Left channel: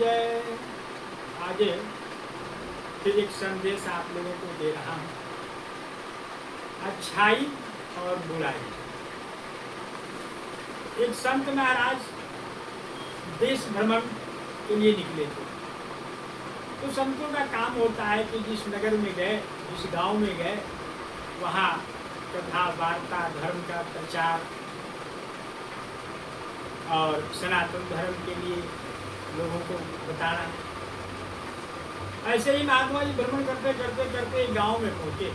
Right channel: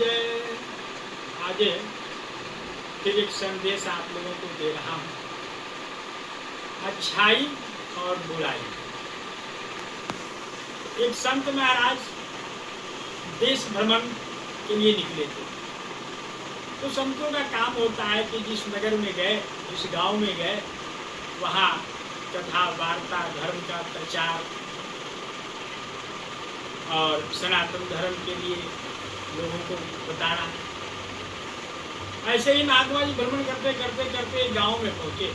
जय। आगे फिर एक संदेश आप लोगों को दे रहा हूँ, अच्छाई और बुराई। एक संत महाराज देश भ्रमण के लिए निकले थे। तो संतों का काम होता है कि जिस नगर में गए, जिस गांव में गए, वहाँ कथा वार्ता, धर्म का प्रचार और सनातन धर्म के लिए लोगों को बताना। ऐसे ही महात्मा जी भ्रमण करते करते करते एक गाँव में पहुँचे।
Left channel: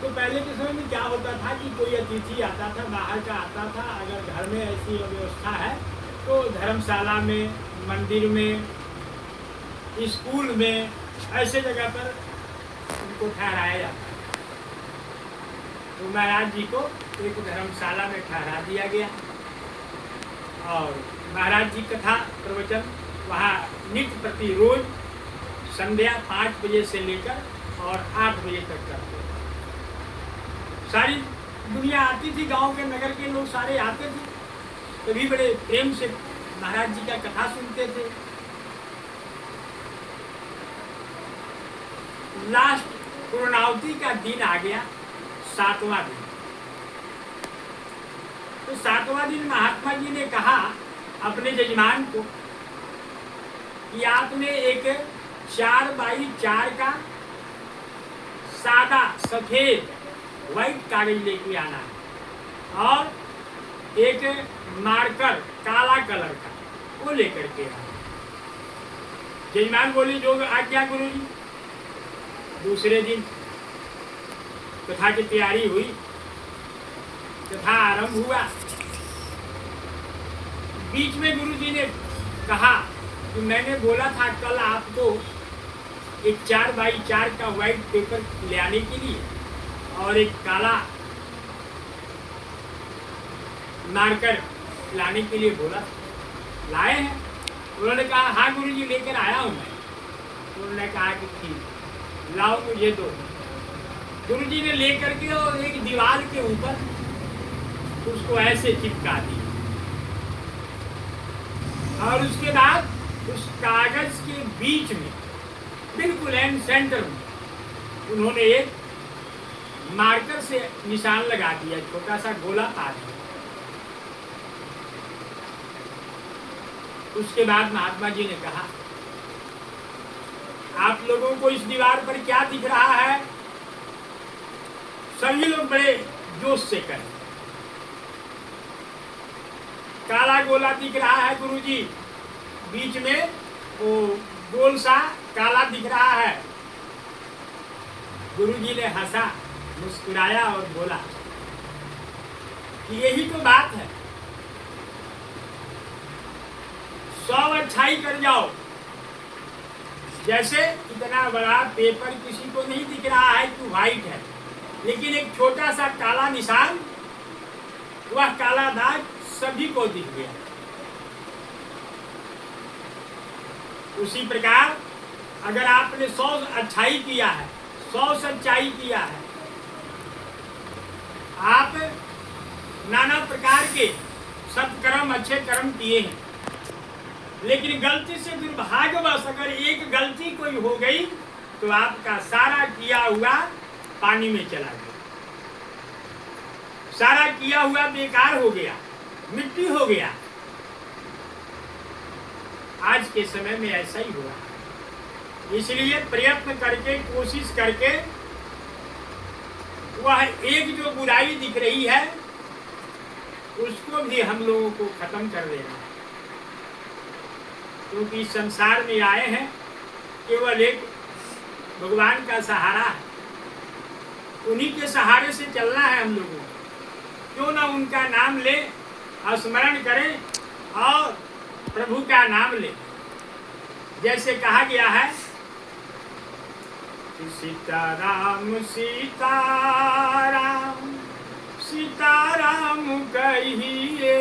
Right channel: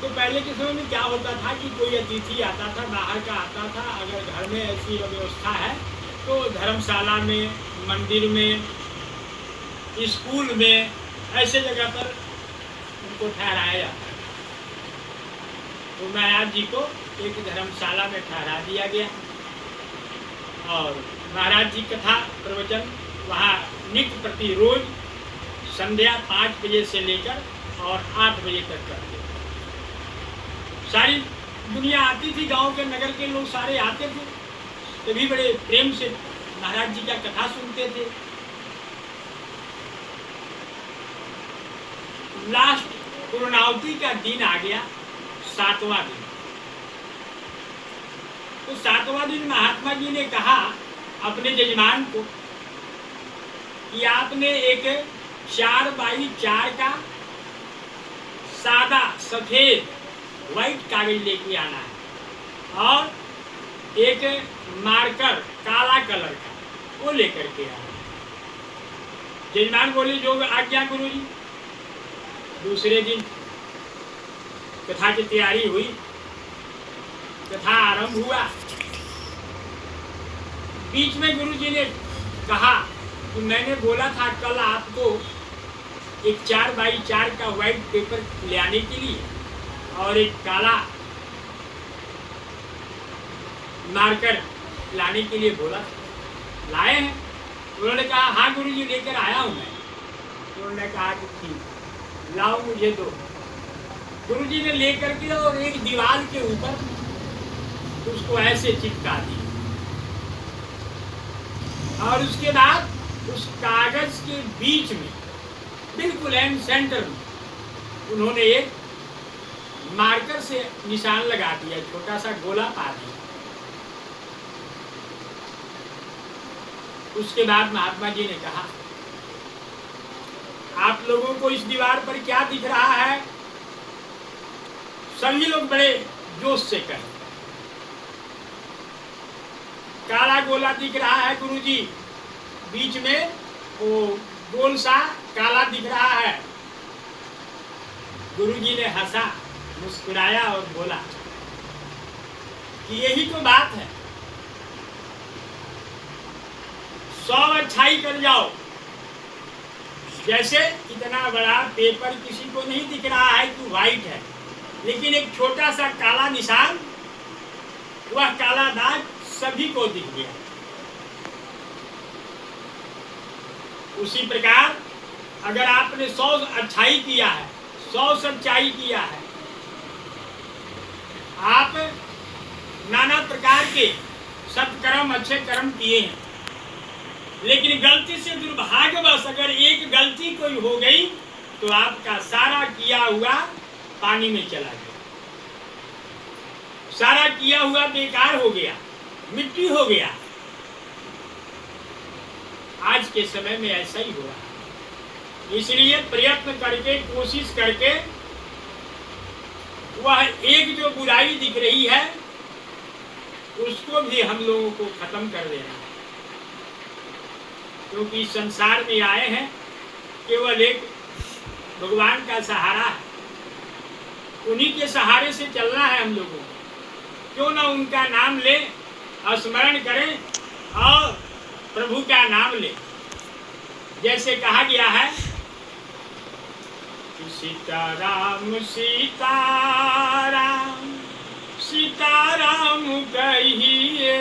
तो पहले के समय में क्या होता था कि कोई अतिथि आता था, बाहर का आता था, अगर घर में ऐसी व्यवस्था है तो धर्मशाला में, मंदिर में, स्कूल में, ऐसे जगह पर उनको ठहराया जाता है। तो महाराज जी को एक धर्मशाला में ठहरा दिया गया और महाराज जी कथा प्रवचन वहाँ नित्य प्रति रोज संध्या 5 बजे से लेकर और 8 बजे तक करते। सारी दुनिया आती थी, गांव के नगर के लोग सारे आते थे, तभी बड़े प्रेम से महाराज जी का कथा सुनते थे। लास्ट पूर्णावती का दिन आ गया, 7वां दिन। तो 7वां दिन महात्मा जी ने कहा अपने जजमान को कि आपने एक 4x4 का सादा सफेद व्हाइट कागज लेके आना है और एक मार्कर काला कलर का वो लेकर के आना है। जजमान बोले जो आज्ञा गुरु जी। दूसरे दिन कथा की तैयारी हुई, कथा आरंभ हुआ। बीच में गुरु जी ने कहा कि मैंने बोला था कल आपको एक 4x4 का व्हाइट पेपर ले आने के लिए और एक काला मार्कर लाने के लिए बोला, लाए हैं? उन्होंने कहा हाँ गुरुजी लेकर आया हूं मैं। उन्होंने कहा कि ठीक, लाओ मुझे दो। गुरुजी ने लेकर के और एक दीवार के ऊपर उसको ऐसे चिपका दी और उसके बाद उस कागज के बीच में बिल्कुल एंड सेंटर में उन्होंने एक मार्कर से निशान लगा दिया, छोटा सा गोला पा दिया। उसके बाद महात्मा जी ने कहा आप लोगों को इस दीवार पर क्या दिख रहा है? सभी लोग बड़े जोश से कहे काला गोला दिख रहा है गुरुजी, बीच में वो गोल सा काला दिख रहा है। गुरुजी ने हंसा, मुस्कुराया और बोला कि यही तो बात है, 100 अच्छाई कर जाओ। जैसे इतना बड़ा पेपर किसी को नहीं दिख रहा है कि व्हाइट है, लेकिन एक छोटा सा काला निशान, वह काला दाग सभी को दिख गया। उसी प्रकार अगर आपने 100 अच्छाई किया है, 100 सच्चाई किया है, आप नाना प्रकार के सत्कर्म अच्छे कर्म किए हैं, लेकिन गलती से दुर्भाग्यवश अगर एक गलती कोई हो गई तो आपका सारा किया हुआ पानी में चला गया, सारा किया हुआ बेकार हो गया, मिट्टी हो गया। आज के समय में ऐसा ही हुआ। इसलिए प्रयत्न करके, कोशिश करके वह एक जो बुराई दिख रही है उसको भी हम लोगों को खत्म कर देना है, क्योंकि संसार में आए हैं केवल एक भगवान का सहारा है, उन्हीं के सहारे से चलना है हम लोगों को। क्यों ना उनका नाम ले, स्मरण करें और प्रभु का नाम ले। जैसे कहा गया है सीताराम सीताराम सीताराम कहिए,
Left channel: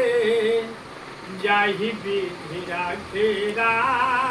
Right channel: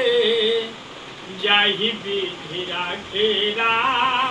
जाहि विधि राखे राम